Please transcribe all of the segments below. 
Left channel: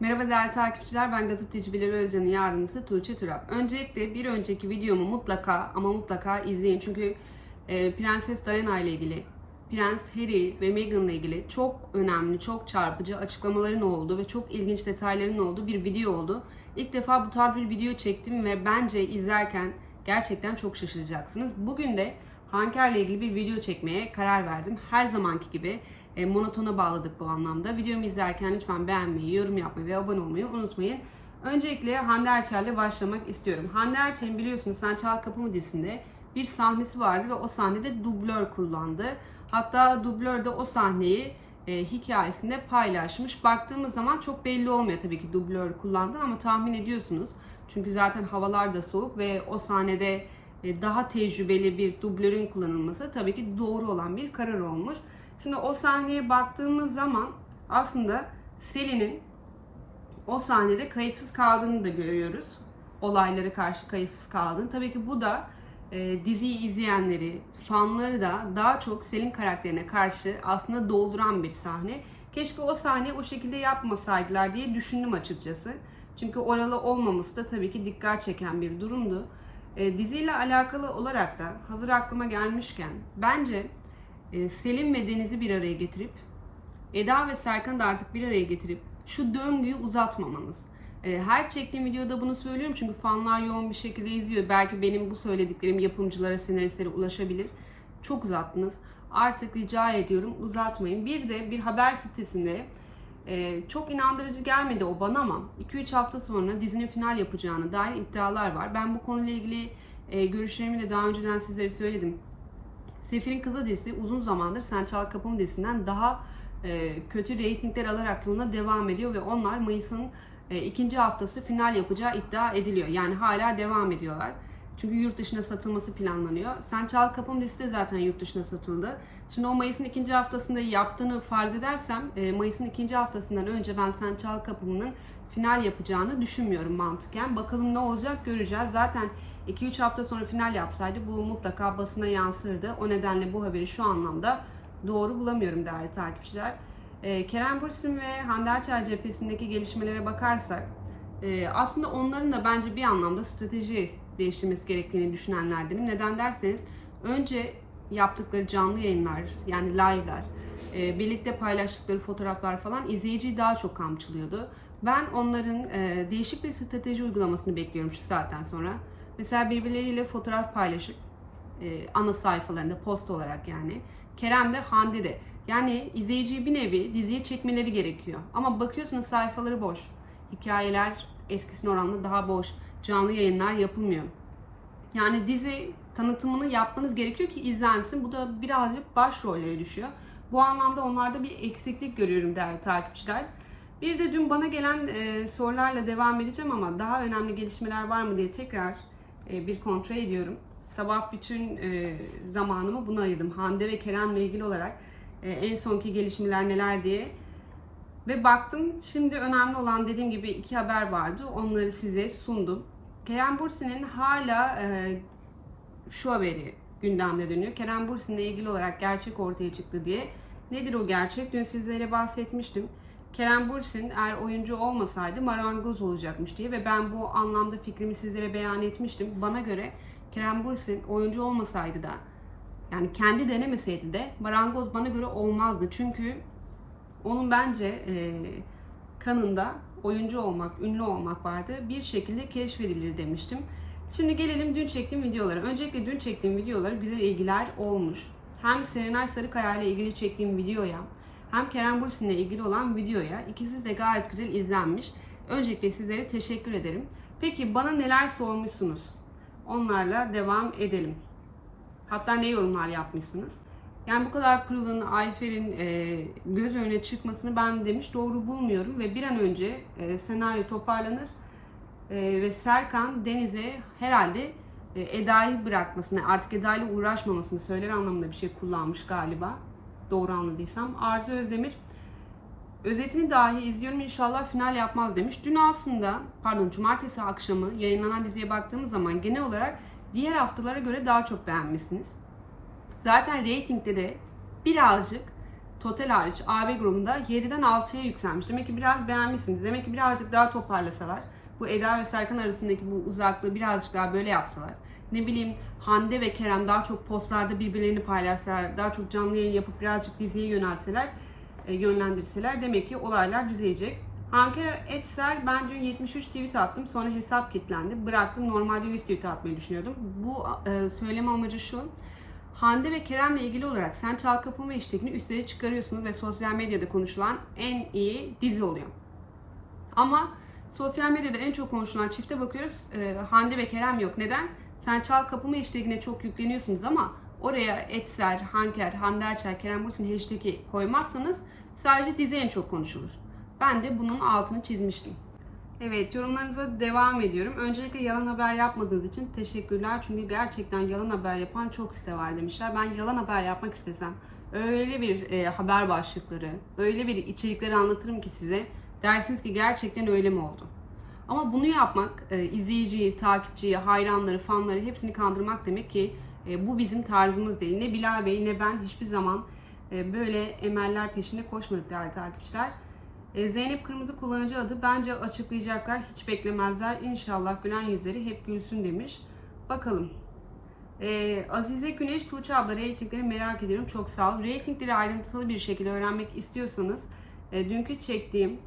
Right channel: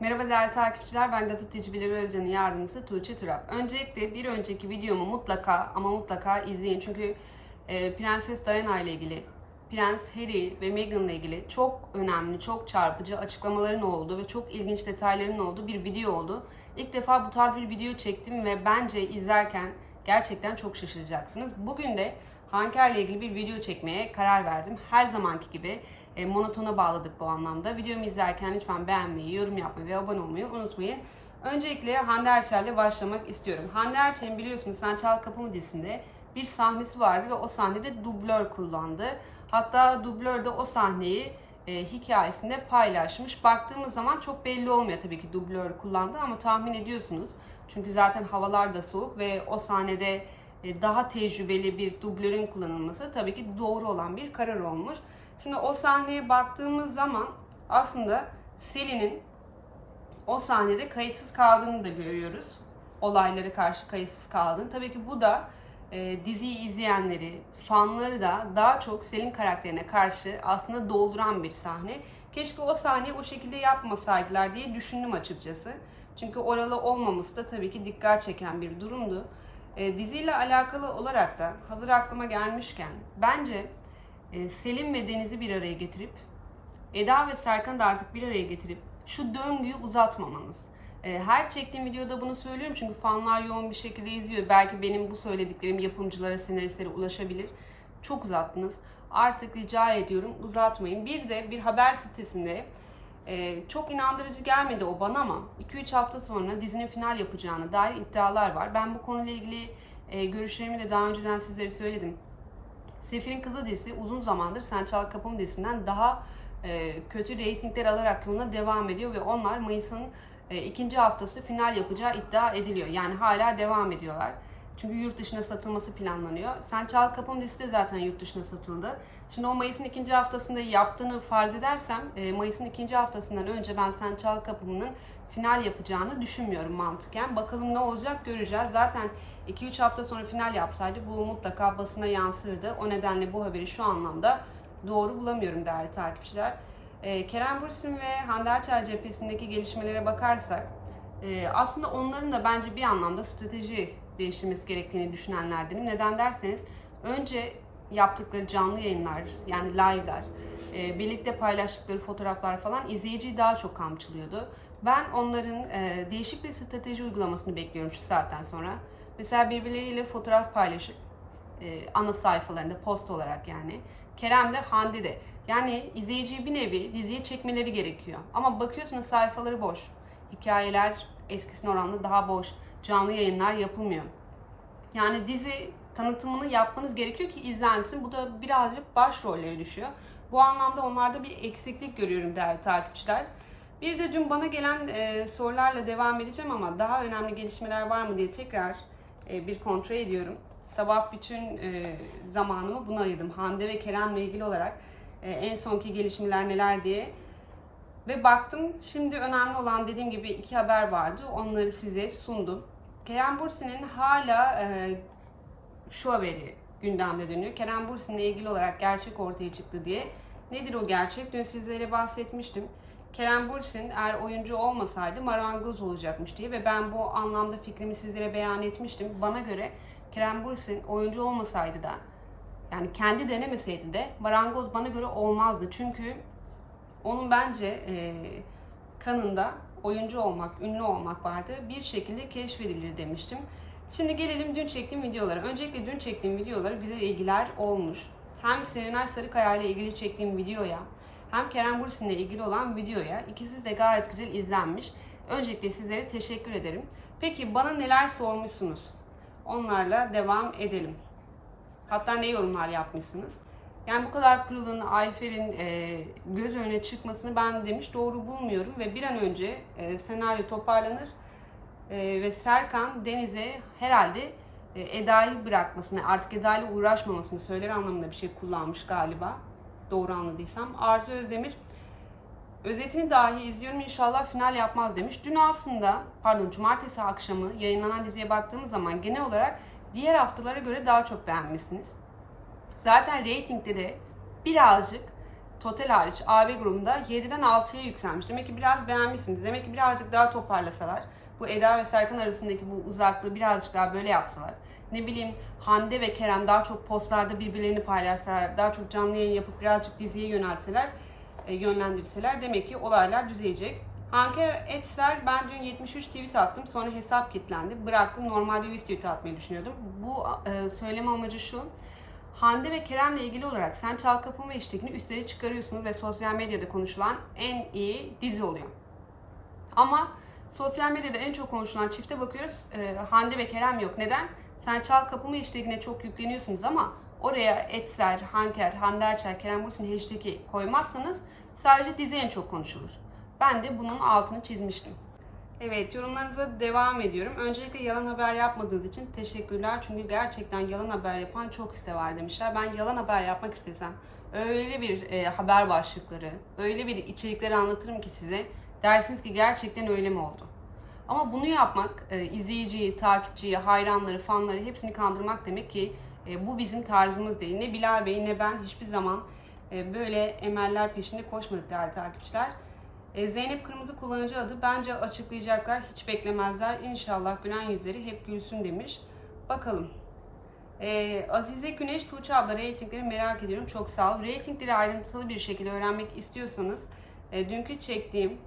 Merhaba değerli takipçiler, ben gazeteci Bilal Özcan'ın yardımcısı Tuğçe Turap. Öncelikle bir önceki videomu mutlaka ama mutlaka izleyin. Çünkü e, Prenses Diana ile ilgili, Prens Harry ve Meghan ile ilgili çok önemli, çok çarpıcı açıklamaların olduğu ve çok ilginç detayların olduğu bir video oldu. İlk defa bu tarz bir video çektim ve bence izlerken gerçekten çok şaşıracaksınız. Bugün de Hanker ile ilgili bir video çekmeye karar verdim. Her zamanki gibi e, monotona bağladık bu anlamda. Videomu izlerken lütfen beğenmeyi, yorum yapmayı ve abone olmayı unutmayın. Öncelikle Hande Erçel'le başlamak istiyorum. Hande Erçel'in biliyorsunuz Sen Çal Kapımı dizisinde bir sahnesi vardı ve o sahnede dublör kullandı. Hatta dublör de o sahneyi e, hikayesinde paylaşmış. Baktığımız zaman çok belli olmuyor tabii ki dublör kullandı ama tahmin ediyorsunuz. Çünkü zaten havalar da soğuk ve o sahnede daha tecrübeli bir dublörün kullanılması tabii ki doğru olan bir karar olmuş. Şimdi o sahneye baktığımız zaman aslında Selin'in o sahnede kayıtsız kaldığını da görüyoruz. Olaylara karşı kayıtsız kaldığını. Tabii ki bu da e, diziyi izleyenleri, fanları da daha çok Selin karakterine karşı aslında dolduran bir sahne. Keşke o sahneyi o şekilde yapmasaydılar diye düşündüm açıkçası. Çünkü oralı olmaması da tabii ki dikkat çeken bir durumdu. E, diziyle alakalı olarak da hazır aklıma gelmişken bence e, Selim ve Deniz'i bir araya getirip Eda ve Serkan'ı da artık bir araya getirip şu döngüyü uzatmamanız. E, Her çektiğim videoda bunu söylüyorum çünkü fanlar yoğun bir şekilde izliyor. Belki benim bu söylediklerim yapımcılara, senaristlere ulaşabilir. Çok uzattınız. Artık rica ediyorum uzatmayın. Bir de bir haber sitesinde e, çok inandırıcı gelmedi o bana ama 2-3 hafta sonra dizinin final yapacağını dair iddialar var. Ben bu konuyla ilgili e, görüşlerimi de daha önceden sizlere söyledim. Sefir'in Kızı dizisi uzun zamandır Sen Çal Kapım dizisinden daha e, kötü reytingler alarak yoluna devam ediyor ve onlar Mayıs'ın e, ikinci haftası final yapacağı iddia ediliyor. Yani hala devam ediyorlar. Çünkü yurt dışına satılması planlanıyor. Sen Çal Kapım de zaten yurt dışına satıldı. Şimdi o Mayıs'ın ikinci haftasında yaptığını farz edersem e, Mayıs'ın ikinci haftasından önce ben Sen Çal Kapım'ın final yapacağını düşünmüyorum mantıken. Bakalım ne olacak göreceğiz. Zaten 2-3 hafta sonra final yapsaydı bu mutlaka basına yansırdı. O nedenle bu haberi şu anlamda doğru bulamıyorum değerli takipçiler. Ee, Kerem Bürsin ve Hande Erçel cephesindeki gelişmelere bakarsak e, aslında onların da bence bir anlamda strateji değiştirmesi gerektiğini düşünenlerdenim. Neden derseniz önce yaptıkları canlı yayınlar yani live'lar e, birlikte paylaştıkları fotoğraflar falan izleyiciyi daha çok kamçılıyordu. Ben onların e, değişik bir strateji uygulamasını bekliyorum şu saatten sonra. Mesela birbirleriyle fotoğraf paylaşıp e, ana sayfalarında post olarak yani. Kerem de Hande de. Yani izleyiciyi bir nevi diziye çekmeleri gerekiyor. Ama bakıyorsunuz sayfaları boş. Hikayeler eskisine oranla daha boş. Canlı yayınlar yapılmıyor. Yani dizi tanıtımını yapmanız gerekiyor ki izlensin. Bu da birazcık başrollere düşüyor. Bu anlamda onlarda bir eksiklik görüyorum değerli takipçiler. Bir de dün bana gelen e, sorularla devam edeceğim ama daha önemli gelişmeler var mı diye tekrar e, bir kontrol ediyorum. Sabah bütün e, zamanımı buna ayırdım. Hande ve Kerem'le ilgili olarak e, en sonki gelişmeler neler diye. Ve baktım şimdi önemli olan dediğim gibi iki haber vardı. Onları size sundum. Kerem Bursin'in hala e, şu haberi gündemde dönüyor. Kerem Bursin'le ilgili olarak gerçek ortaya çıktı diye. Nedir o gerçek? Dün sizlere bahsetmiştim. Kerem Bursin eğer oyuncu olmasaydı marangoz olacakmış diye ve ben bu anlamda fikrimi sizlere beyan etmiştim. Bana göre Kerem Bursin oyuncu olmasaydı da yani kendi denemeseydi de marangoz bana göre olmazdı. Çünkü onun bence e, kanında oyuncu olmak, ünlü olmak vardı. Bir şekilde keşfedilir demiştim. Şimdi gelelim dün çektiğim videolara. Öncelikle dün çektiğim videolara güzel ilgiler olmuş. Hem Serenay Sarıkaya ile ilgili çektiğim videoya hem Kerem Bürsin ile ilgili olan videoya ikisi de gayet güzel izlenmiş. Öncelikle sizlere teşekkür ederim. Peki bana neler sormuşsunuz? Onlarla devam edelim. Hatta ne yorumlar yapmışsınız? Yani bu kadar pırılın, Ayfer'in e, göz önüne çıkmasını ben demiş doğru bulmuyorum ve bir an önce e, senaryo toparlanır e, ve Serkan Deniz'e herhalde e, Eda'yı bırakmasını, artık Eda ile uğraşmamasını söyler anlamında bir şey kullanmış galiba. Doğru anladıysam. Arzu Özdemir özetini dahi izliyorum inşallah final yapmaz demiş. Dün aslında pardon cumartesi akşamı yayınlanan diziye baktığımız zaman genel olarak diğer haftalara göre daha çok beğenmişsiniz. Zaten reytingde de birazcık Total hariç AB grubunda 7'den 6'ya yükselmiş. Demek ki biraz beğenmişsiniz. Demek ki birazcık daha toparlasalar, bu Eda ve Serkan arasındaki bu uzaklığı birazcık daha böyle yapsalar. Ne bileyim Hande ve Kerem daha çok postlarda birbirlerini paylaşsalar, daha çok canlı yayın yapıp birazcık diziye yönelseler, e, yönlendirseler demek ki olaylar düzelecek. Hanker Etser ben dün 73 tweet attım sonra hesap kilitlendi. Bıraktım normalde 100 tweet atmayı düşünüyordum. Bu e, söyleme amacı şu. Hande ve Kerem'le ilgili olarak sen çal kapımı eşliğini üstlere çıkarıyorsunuz ve sosyal medyada konuşulan en iyi dizi oluyor. Ama sosyal medyada en çok konuşulan çifte bakıyoruz. e, Hande ve Kerem yok. Neden? Sen çal kapımı hashtagine çok yükleniyorsunuz ama oraya Etser, Hanker, Hande Erçel, Kerem Bursin hashtag'i koymazsanız sadece dizi en çok konuşulur. Ben de bunun altını çizmiştim. Evet yorumlarınıza devam ediyorum. Öncelikle yalan haber yapmadığınız için teşekkürler. Çünkü gerçekten yalan haber yapan çok site var demişler. Ben yalan haber yapmak istesem öyle bir e, haber başlıkları, öyle bir içerikleri anlatırım ki size. Dersiniz ki gerçekten öyle mi oldu? Ama bunu yapmak e, izleyiciyi, takipçiyi, hayranları, fanları hepsini kandırmak demek ki e, bu bizim tarzımız değil. Ne Bilal Bey ne ben hiçbir zaman e, böyle emeller peşinde koşmadık değerli takipçiler. E, Zeynep Kırmızı kullanıcı adı bence açıklayacaklar. Hiç beklemezler. İnşallah gülen yüzleri hep gülsün demiş. Bakalım. E, Azize Güneş Tuğçe abla reytingleri merak ediyorum. Çok sağ ol. Reytingleri ayrıntılı bir şekilde öğrenmek istiyorsanız e, dünkü çektiğim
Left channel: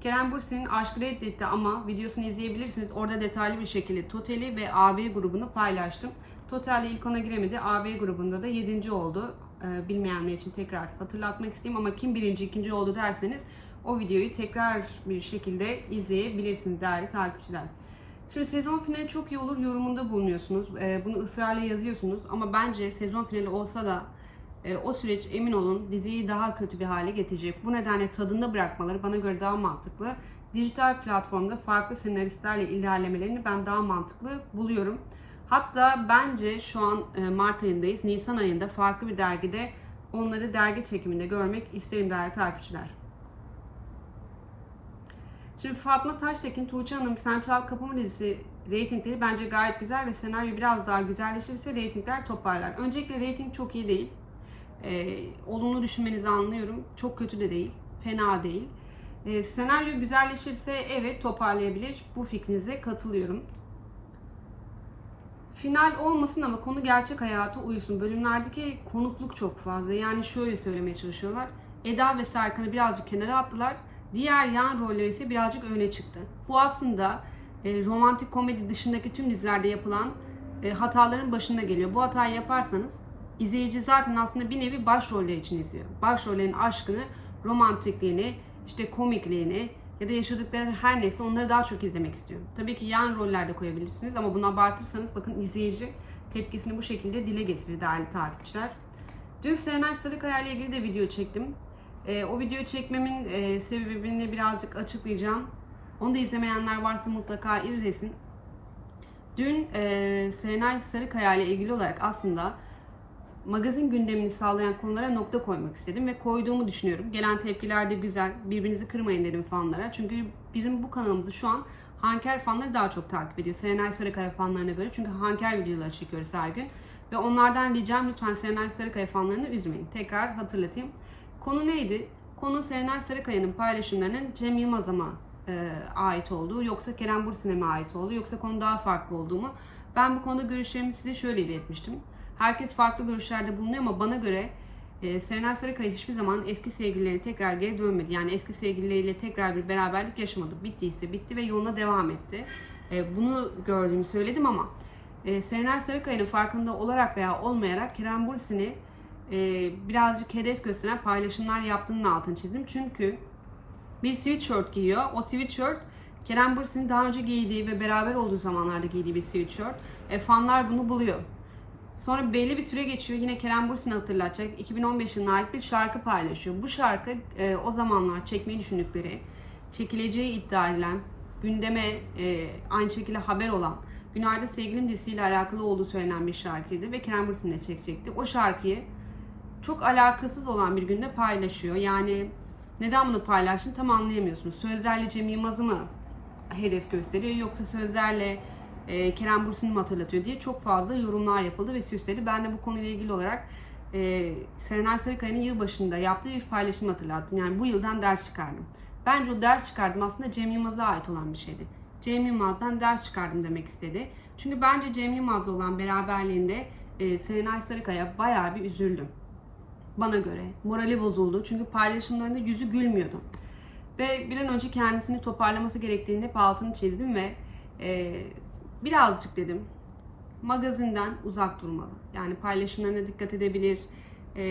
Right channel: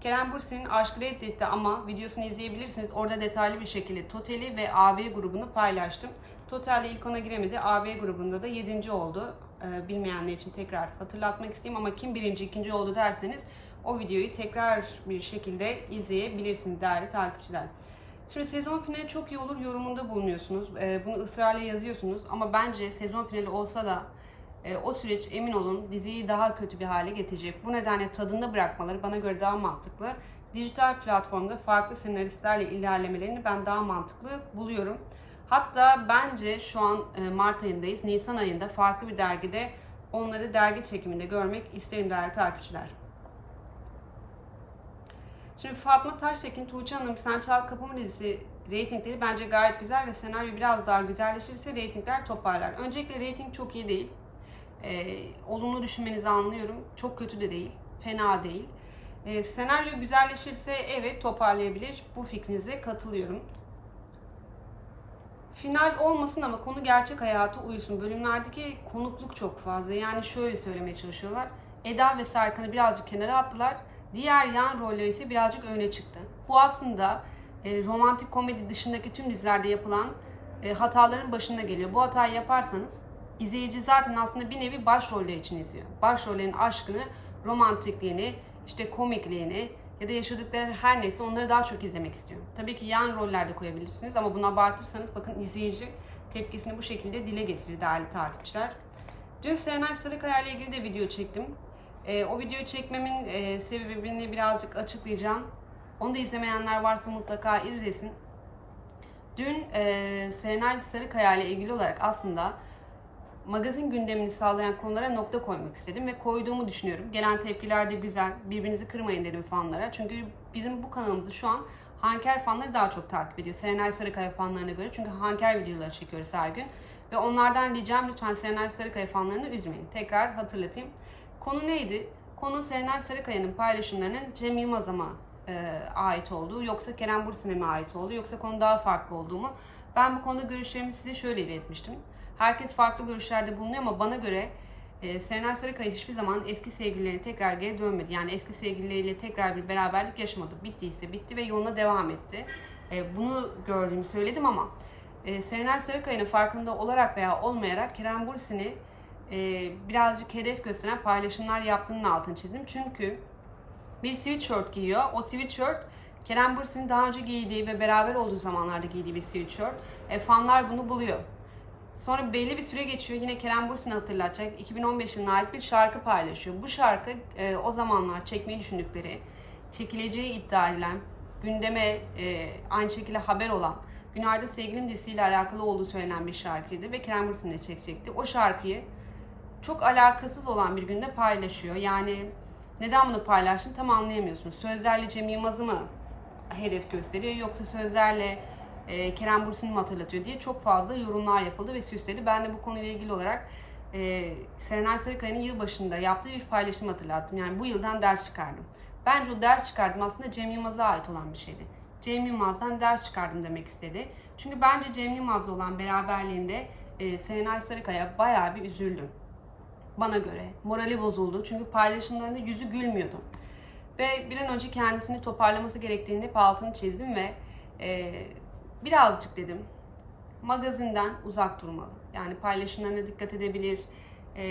Kerem Bürsin'in Aşkı Reddetti ama videosunu izleyebilirsiniz. Orada detaylı bir şekilde Total'i ve AB grubunu paylaştım. Total'le ilk ona giremedi. AB grubunda da 7. oldu. Ee, bilmeyenler için tekrar hatırlatmak isteyeyim ama kim birinci, ikinci oldu derseniz o videoyu tekrar bir şekilde izleyebilirsiniz değerli takipçiler. Şimdi sezon finali çok iyi olur yorumunda bulunuyorsunuz. Ee, bunu ısrarla yazıyorsunuz ama bence sezon finali olsa da e, o süreç emin olun diziyi daha kötü bir hale getirecek. Bu nedenle tadında bırakmaları bana göre daha mantıklı. Dijital platformda farklı senaristlerle ilerlemelerini ben daha mantıklı buluyorum. Hatta bence şu an e, Mart ayındayız. Nisan ayında farklı bir dergide onları dergi çekiminde görmek isterim değerli takipçiler. Şimdi Fatma Taştekin, Tuğçe Hanım, Sen Çal Kapımı dizisi reytingleri bence gayet güzel ve senaryo biraz daha güzelleşirse reytingler toparlar. Öncelikle reyting çok iyi değil. Ee, olumlu düşünmenizi anlıyorum. Çok kötü de değil, fena değil. Ee, senaryo güzelleşirse evet toparlayabilir. Bu fikrinize katılıyorum. Final olmasın ama konu gerçek hayata uyusun. Bölümlerdeki konukluk çok fazla. Yani şöyle söylemeye çalışıyorlar. Eda ve Serkan'ı birazcık kenara attılar. Diğer yan roller ise birazcık öne çıktı. Bu aslında e, romantik komedi dışındaki tüm dizilerde yapılan e, hataların başında geliyor. Bu hatayı yaparsanız izleyici zaten aslında bir nevi başroller için izliyor. Başrollerin aşkını, romantikliğini, işte komikliğini ya da yaşadıkları her neyse onları daha çok izlemek istiyor. Tabii ki yan rollerde koyabilirsiniz ama bunu abartırsanız bakın izleyici tepkisini bu şekilde dile getirir değerli takipçiler. Dün Serenay Sarıkaya ile ilgili de video çektim. E, o videoyu çekmemin e, sebebini birazcık açıklayacağım. Onu da izlemeyenler varsa mutlaka izlesin. Dün e, Serenay Sarıkaya ile ilgili olarak aslında magazin gündemini sağlayan konulara nokta koymak istedim ve koyduğumu düşünüyorum. Gelen tepkiler de güzel. Birbirinizi kırmayın dedim fanlara. Çünkü bizim bu kanalımızı şu an Hanker fanları daha çok takip ediyor. Serenay Sarıkaya fanlarına göre. Çünkü Hanker videoları çekiyoruz her gün. Ve onlardan ricam lütfen Serenay Sarıkaya fanlarını üzmeyin. Tekrar hatırlatayım. Konu neydi? Konu Serenay Sarıkaya'nın paylaşımlarının Cem Yılmaz'a mı e, ait olduğu yoksa Kerem Bürsin'e mi ait olduğu yoksa konu daha farklı olduğumu ben bu konuda görüşlerimi size şöyle iletmiştim. Herkes farklı görüşlerde bulunuyor ama bana göre e, Serenay Sarıkaya hiçbir zaman eski sevgililerine tekrar geri dönmedi. Yani eski sevgilileriyle tekrar bir beraberlik yaşamadı. Bittiyse bitti ve yoluna devam etti. E, bunu gördüğümü söyledim ama e, Serenay Sarıkaya'nın farkında olarak veya olmayarak Kerem Bürsin'i e, birazcık hedef gösteren paylaşımlar yaptığının altını çizdim. Çünkü bir sweatshirt giyiyor. O sweatshirt Kerem Bürsin'in daha önce giydiği ve beraber olduğu zamanlarda giydiği bir sweatshirt. E, fanlar bunu buluyor. Sonra belli bir süre geçiyor. Yine Kerem Bürsin'i hatırlatacak. 2015 yılına ait bir şarkı paylaşıyor. Bu şarkı e, o zamanlar çekmeyi düşündükleri, çekileceği iddia edilen, gündeme e, aynı şekilde haber olan Günaydın Sevgilim dizisiyle alakalı olduğu söylenen bir şarkıydı ve Kerem Bürsin de çekecekti. O şarkıyı çok alakasız olan bir günde paylaşıyor. Yani neden bunu paylaştım tam anlayamıyorsunuz. Sözlerle Cem Yılmaz'ı mı hedef gösteriyor yoksa sözlerle e, Kerem Bürsin'i mi hatırlatıyor diye çok fazla yorumlar yapıldı ve süsledi. Ben de bu konuyla ilgili olarak e, Serenay Sarıkaya'nın yılbaşında yaptığı bir paylaşım hatırlattım. Yani bu yıldan ders çıkardım. Bence o ders çıkardım aslında Cem Yılmaz'a ait olan bir şeydi. Cem Yılmaz'dan ders çıkardım demek istedi. Çünkü bence Cem Yılmaz'la olan beraberliğinde e, Serenay Sarıkaya bayağı bir üzüldüm. Bana göre. Morali bozuldu. Çünkü paylaşımlarında yüzü gülmüyordu. Ve bir an önce kendisini toparlaması gerektiğini hep altını çizdim ve e, birazcık dedim magazinden uzak durmalı. Yani paylaşımlarına dikkat edebilir, e,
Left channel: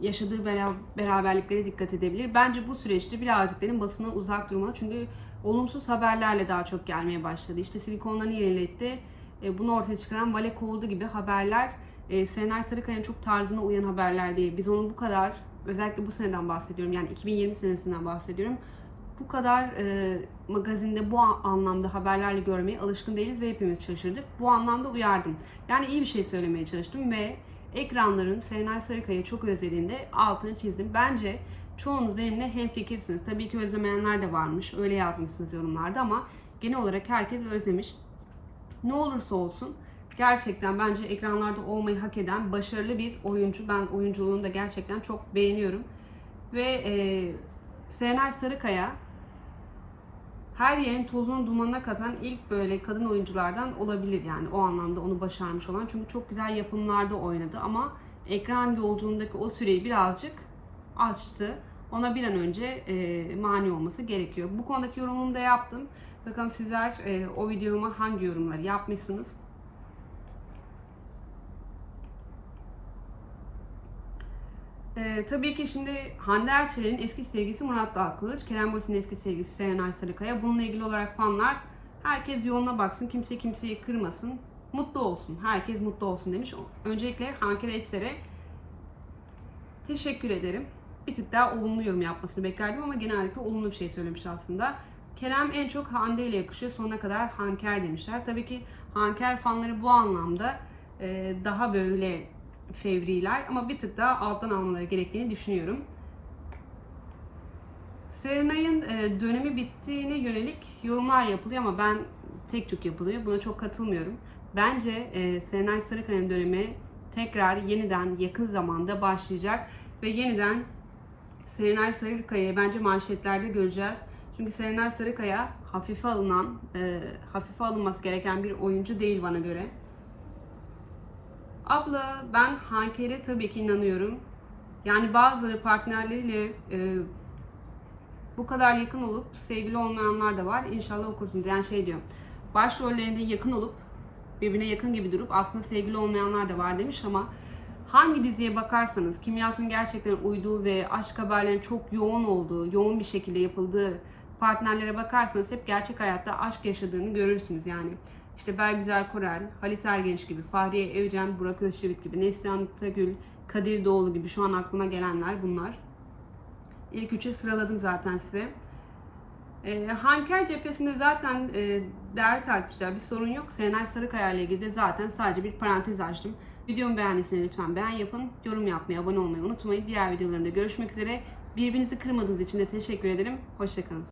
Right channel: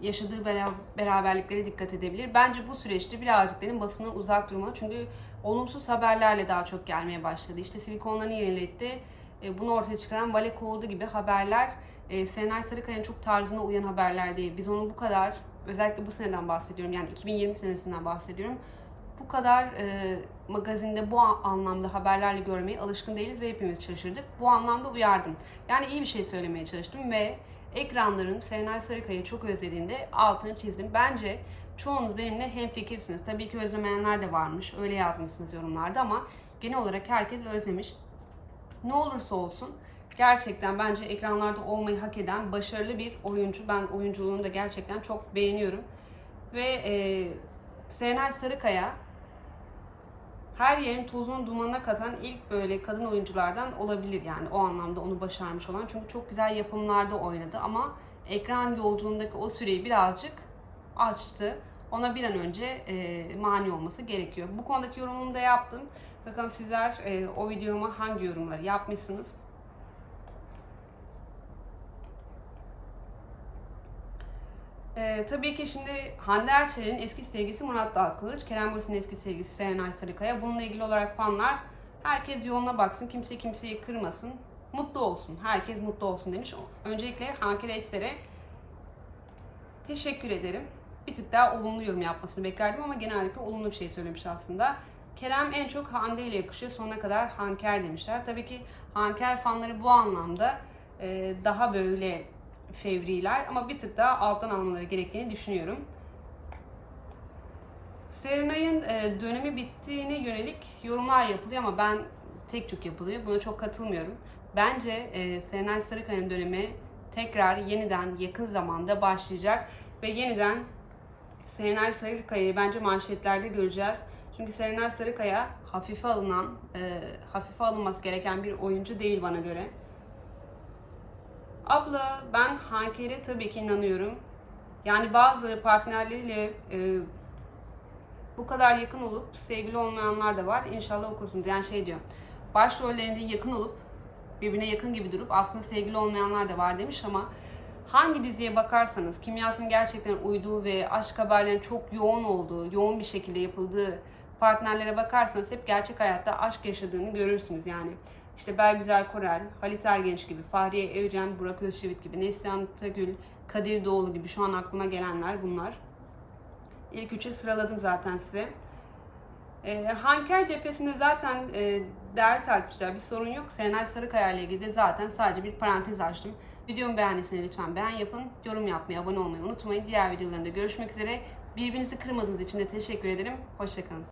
yaşadığı bera- beraberliklere dikkat edebilir. Bence bu süreçte birazcık dedim basından uzak durmalı. Çünkü olumsuz haberlerle daha çok gelmeye başladı. İşte silikonlarını yeniletti. E, bunu ortaya çıkaran vale kovuldu gibi haberler e, Serenay Sarıkaya'nın çok tarzına uyan haberler değil. Biz onu bu kadar özellikle bu seneden bahsediyorum. Yani 2020 senesinden bahsediyorum. Bu kadar e, magazinde bu anlamda haberlerle görmeye alışkın değiliz ve hepimiz şaşırdık. Bu anlamda uyardım. Yani iyi bir şey söylemeye çalıştım ve ekranların Serenay Sarıkaya'yı çok özlediğinde altını çizdim. Bence çoğunuz benimle hemfikirsiniz. Tabii ki özlemeyenler de varmış. Öyle yazmışsınız yorumlarda ama genel olarak herkes özlemiş. Ne olursa olsun gerçekten bence ekranlarda olmayı hak eden başarılı bir oyuncu. Ben oyunculuğunu da gerçekten çok beğeniyorum. Ve e, Serenay Sarıkaya her yerin tozunu dumanına katan ilk böyle kadın oyunculardan olabilir yani o anlamda onu başarmış olan. Çünkü çok güzel yapımlarda oynadı ama ekran yolculuğundaki o süreyi birazcık açtı. Ona bir an önce e, mani olması gerekiyor. Bu konudaki yorumumu da yaptım. Bakalım sizler e, o videoma hangi yorumları yapmışsınız? Ee, tabii ki şimdi Hande Erçel'in eski sevgilisi Murat Dalkılıç, Kerem Bürsin'in eski sevgilisi Serenay Sarıkaya. Bununla ilgili olarak fanlar herkes yoluna baksın, kimse kimseyi kırmasın, mutlu olsun, herkes mutlu olsun demiş. Öncelikle Hanker Eçser'e teşekkür ederim. Bir tık daha olumlu yorum yapmasını beklerdim ama genellikle olumlu bir şey söylemiş aslında. Kerem en çok Hande ile yakışıyor, sonuna kadar Hanker demişler. Tabii ki Hanker fanları bu anlamda e, daha böyle fevriler ama bir tık daha alttan almaları gerektiğini düşünüyorum. Serenay'ın e, dönemi bittiğine yönelik yorumlar yapılıyor ama ben tek tük yapılıyor. Buna çok katılmıyorum. Bence e, Serenay Sarıkaya'nın dönemi tekrar yeniden yakın zamanda başlayacak ve yeniden Serenay Sarıkaya'yı bence manşetlerde göreceğiz. Çünkü Serenay Sarıkaya hafife alınan, e, hafife alınması gereken bir oyuncu değil bana göre. Abla ben Hanker'e tabii ki inanıyorum. Yani bazıları partnerleriyle e, bu kadar yakın olup sevgili olmayanlar da var. İnşallah okursunuz. Yani şey diyor. Başrollerinde yakın olup birbirine yakın gibi durup aslında sevgili olmayanlar da var demiş ama hangi diziye bakarsanız kimyasının gerçekten uyduğu ve aşk haberlerinin çok yoğun olduğu, yoğun bir şekilde yapıldığı partnerlere bakarsanız hep gerçek hayatta aşk yaşadığını görürsünüz yani. İşte Belgüzel Korel, Halit Ergenç gibi, Fahriye Evcen, Burak Özçivit gibi, Neslihan Tagül, Kadir Doğulu gibi şu an aklıma gelenler bunlar. İlk üçü sıraladım zaten size. E, Hanker cephesinde zaten e, değerli takipçiler bir sorun yok. Serenay Sarıkaya ile ilgili de zaten sadece bir parantez açtım. Videomu beğendiyseniz lütfen beğen yapın. Yorum yapmayı, abone olmayı unutmayın. Diğer videolarımda görüşmek üzere. Birbirinizi kırmadığınız için de teşekkür ederim. Hoşçakalın.